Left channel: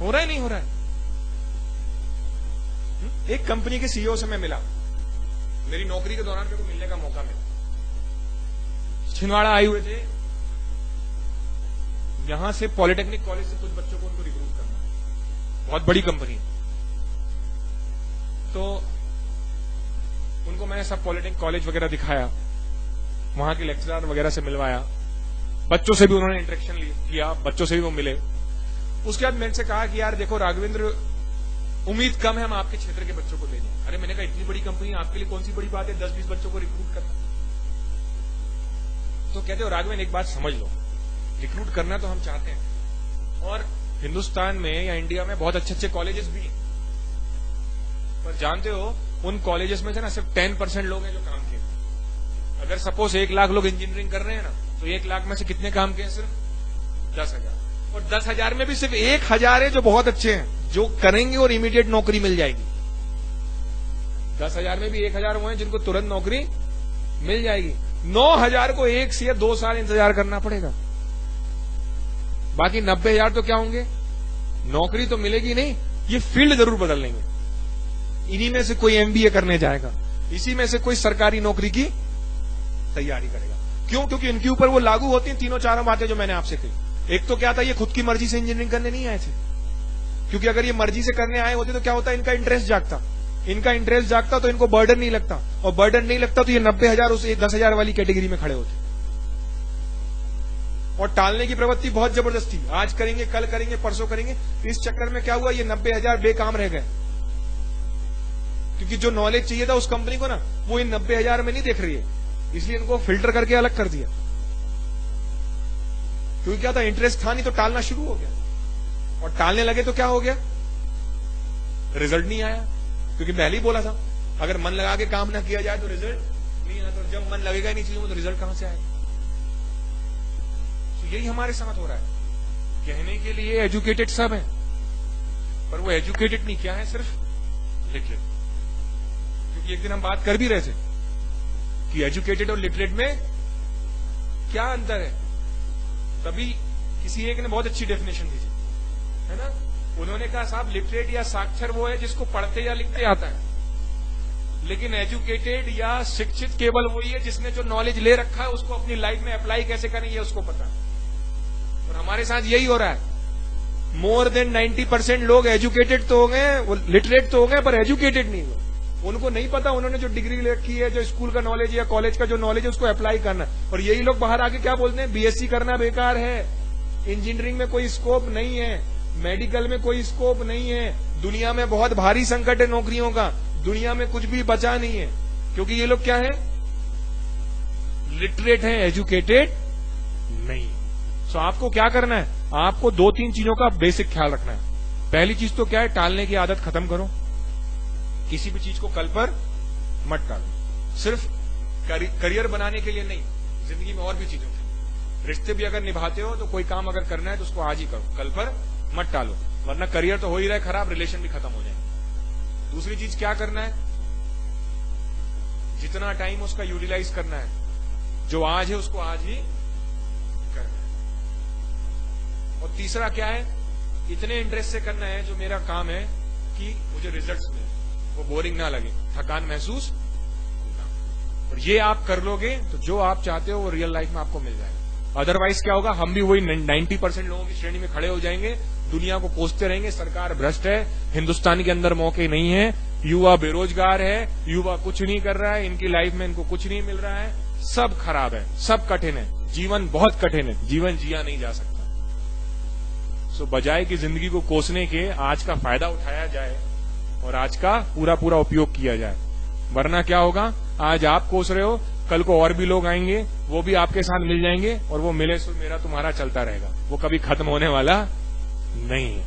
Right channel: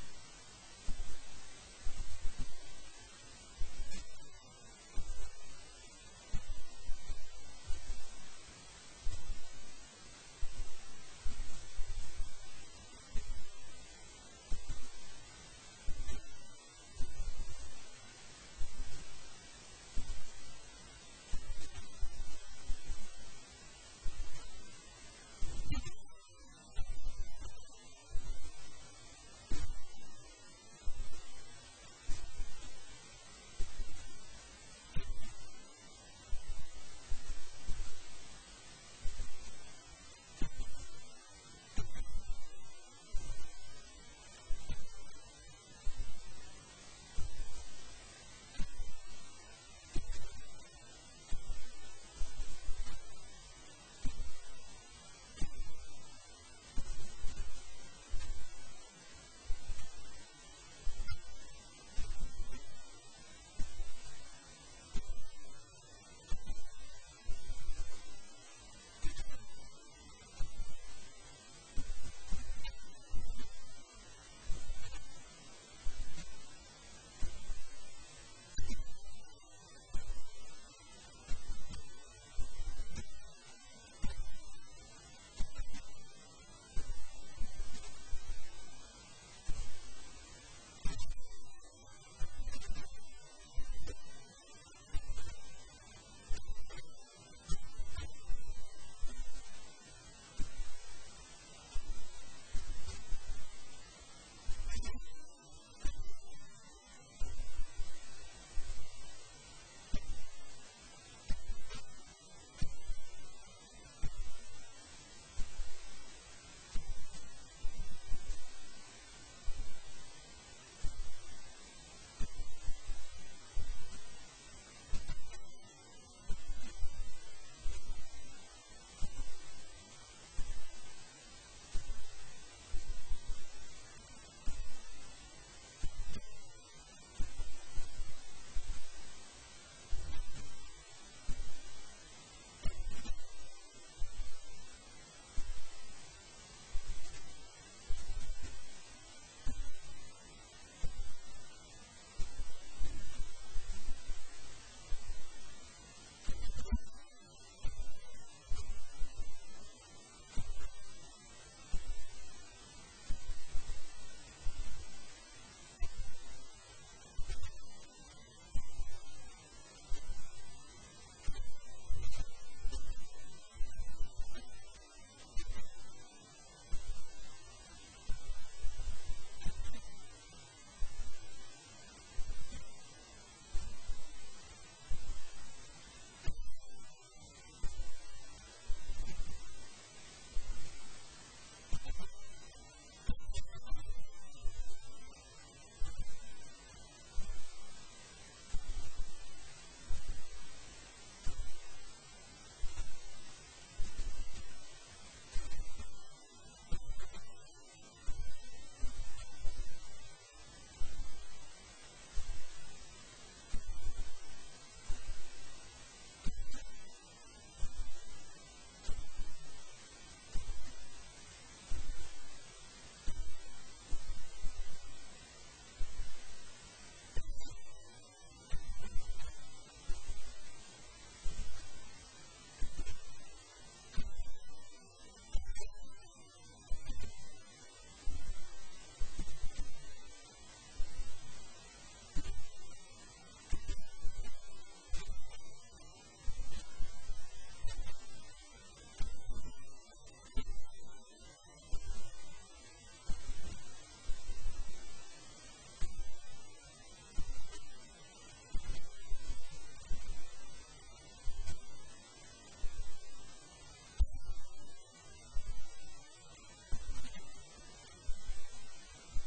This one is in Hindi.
हो रहा है नहीं हो रहा है? एक कंपनी के सीईओ से मैं मिला, मेरी नौकरी के दौरान मेरे को मिलने का मौका मिला। छिंदवाड़ा आए हुए थे, यहां से पॉलिटेक्निक कॉलेज से कुछ बच्चों को उनको रिक्रूट करना, बहुत बड़ी कंपनी। तो उनको मैंने सब पॉलिटेक्निक कॉलेज वगैरह दिखाया, वहां के लेक्चरर वगैरह से मिलवाया, बच्चों से भी उन्होंने इंटरेक्शन किया, बच्चों से भी वो मिले। उसके बाद मैंने से कहा कि यार देखो राघवेंद्र, उम्मीद कम है हम आपके क्षेत्र के बच्चों को ले जाएं। अरे मैंने कहा इतनी बड़ी कंपनी, आपके लिए कौन सी बड़ी बात है 10-20 बच्चों को रिक्रूट करना? तो कहते हो राघवेंद्र एक बात समझ लो, रिक्रूट करना तो हम चाहते हैं, और हिंदुस्तान में या इंडिया में बहुत अच्छे अच्छे कॉलेजेस भी हैं, पर जानते हो उन कॉलेजेस में से ना सिर्फ 10% लोग हैं जो काम किए। अगर सपोज 1 लाख लोग इंजीनियरिंग कर रहे हैं ना, तो 1 लाख में से कितने काम किए? सिर्फ 10,000। और 10,000 में भी सिर्फ 1,000 है जो बहुत अच्छे हैं, जो करेंगे और इमीडिएट नौकरी मिल जाएगी। 10,000 में भी 1,000 वो हैं जिनको तुरंत नौकरी मिल जाएगी। 9,000 को 1 से या 2 साल इंतजार करना पड़ेगा। बाकी 90,000 तो क्या होंगे? नौकरी तो मिलेगी नहीं, ये फील्ड जरूर बदल लेंगे। इन्हीं में से कोई एमबीए करने जाएगा, इसी में से कोई सरकारी नौकरी की तैयारी करेगा। क्यों? क्योंकि इनके ऊपर वो लागू होती हैं 3-4 बातें जो मैंने आपसे कही। एक तो क्या था, ये खुद की मर्जी से इंजीनियरिंग करने नहीं आए थे, क्योंकि अगर ये मर्जी से करने आए होते तो क्या होता, इनका इंटरेस्ट जागता। इनका इंटरेस्ट जागता तो इनको बर्डन नहीं लगता, और बर्डन नहीं लगता तो ये 90,000 उस 10,000 वाली कैटेगरी में खड़े होते। और टालने की प्रवृत्ति बहुत जबरदस्ती, आज करेंगे, कल करेंगे, परसों करेंगे। इस चक्कर में क्या हुआ, ये 90,000 बेकाम रह गए, क्योंकि जो नॉलेज चाहिए था उस कंपनी को ना, वो इन 90,000 में नहीं देख रही है, इसलिए इनको फिल्टर करके अलग कर दिया। क्योंकि क्या था, इंटरेस्ट था नहीं तो टालना शुरू हो गया, और टालने लगे तो क्या हो गया, रिजल्ट नहीं आया। क्योंकि पहले ही बोला था, अगर मन लगा के काम ना किया जाए तो रिजल्ट नहीं आता, तो जब मन लगेगा ही नहीं चीजों में तो रिजल्ट कहां से आएगा? तो यही हमारे साथ हो रहा है। कहने के लिए एजुकेटेड सब है, पर वो एजुकेटेड नहीं, क्या है, सिर्फ लिटरेट। क्योंकि एक दिन हम बात कर भी रहे थे कि एजुकेटेड और लिटरेट में क्या अंतर है। तभी किसी एक ने बहुत अच्छी डेफिनेशन दी थी, है ना? उन्होंने कहा साहब, लिटरेट या साक्षर वो है जिसको पढ़ते या लिखते आता है, लेकिन एजुकेटेड या शिक्षित केवल वही है जिसने जो नॉलेज ले रखा है उसको अपनी लाइफ में अप्लाई कैसे करें ये उसको पता है। और हमारे साथ यही हो रहा है। मोर देन 90% लोग एजुकेटेड तो हो गए, वो लिटरेट तो हो गए, पर एजुकेटेड नहीं हुए। उनको नहीं पता, उन्होंने जो डिग्री ले रखी है, जो स्कूल का नॉलेज या कॉलेज का जो नॉलेज है उसको अप्लाई करना। और यही लोग बाहर आके क्या बोलते हैं, बीएससी करना बेकार है, इंजीनियरिंग में कोई स्कोप नहीं है, मेडिकल में कोई स्कोप नहीं है, दुनिया में बहुत भारी संकट है नौकरियों का, दुनिया में कुछ भी बचा नहीं है। क्योंकि ये लोग क्या है, लिटरेट है, एजुकेटेड नहीं। सो आपको क्या करना है, आपको 2-3 चीजों का बेसिक ख्याल रखना है। पहली चीज तो क्या है, टालने की आदत खत्म करो। किसी भी चीज को कल पर मत टालो। सिर्फ करियर बनाने के लिए नहीं, जिंदगी में और भी चीजें होती। रिश्ते भी अगर निभाते हो तो कोई काम अगर करना है तो उसको आज ही करो, कल पर मत टालो, वरना करियर तो हो ही रहा है खराब, रिलेशन भी खत्म हो जाएंगे। दूसरी चीज क्या करना है, जितना टाइम उसका यूटिलाइज करना है, जो आज है उसको आज ही करना है। और तीसरा क्या है, इतने इंटरेस्ट से करना है जो मेरा काम है कि मुझे रिजल्ट्स मिले, वो बोरिंग ना लगे, थकान महसूस ना। और ये आप कर लोगे तो जो आप चाहते हो वो रियल लाइफ में आपको मिल जाएगा। अदरवाइज क्या होगा, हम भी वही 90% लोगों की श्रेणी में खड़े हो जाएंगे, दुनिया को कोसते रहेंगे सरकार भ्रष्ट है, हिंदुस्तान के अंदर मौके नहीं है, युवा बेरोजगार है, युवा कुछ नहीं कर रहा है, इनकी लाइफ में इनको कुछ नहीं मिल रहा है, सब खराब है, सब कठिन है, जीवन बहुत कठिन है, जीवन जिया नहीं जा सकता। सो बजाय कि जिंदगी को कोसने के आज का फायदा उठाया जाए और आज का पूरा पूरा उपयोग किया जाए। वरना क्या होगा, आज आप कोस रहे हो, कल को और भी लोग आएंगे, वो भी आपके साथ मिल जाएंगे, और वो मिले सो मेरा तुम्हारा चलता रहेगा, वो कभी खत्म होने वाला नहीं है।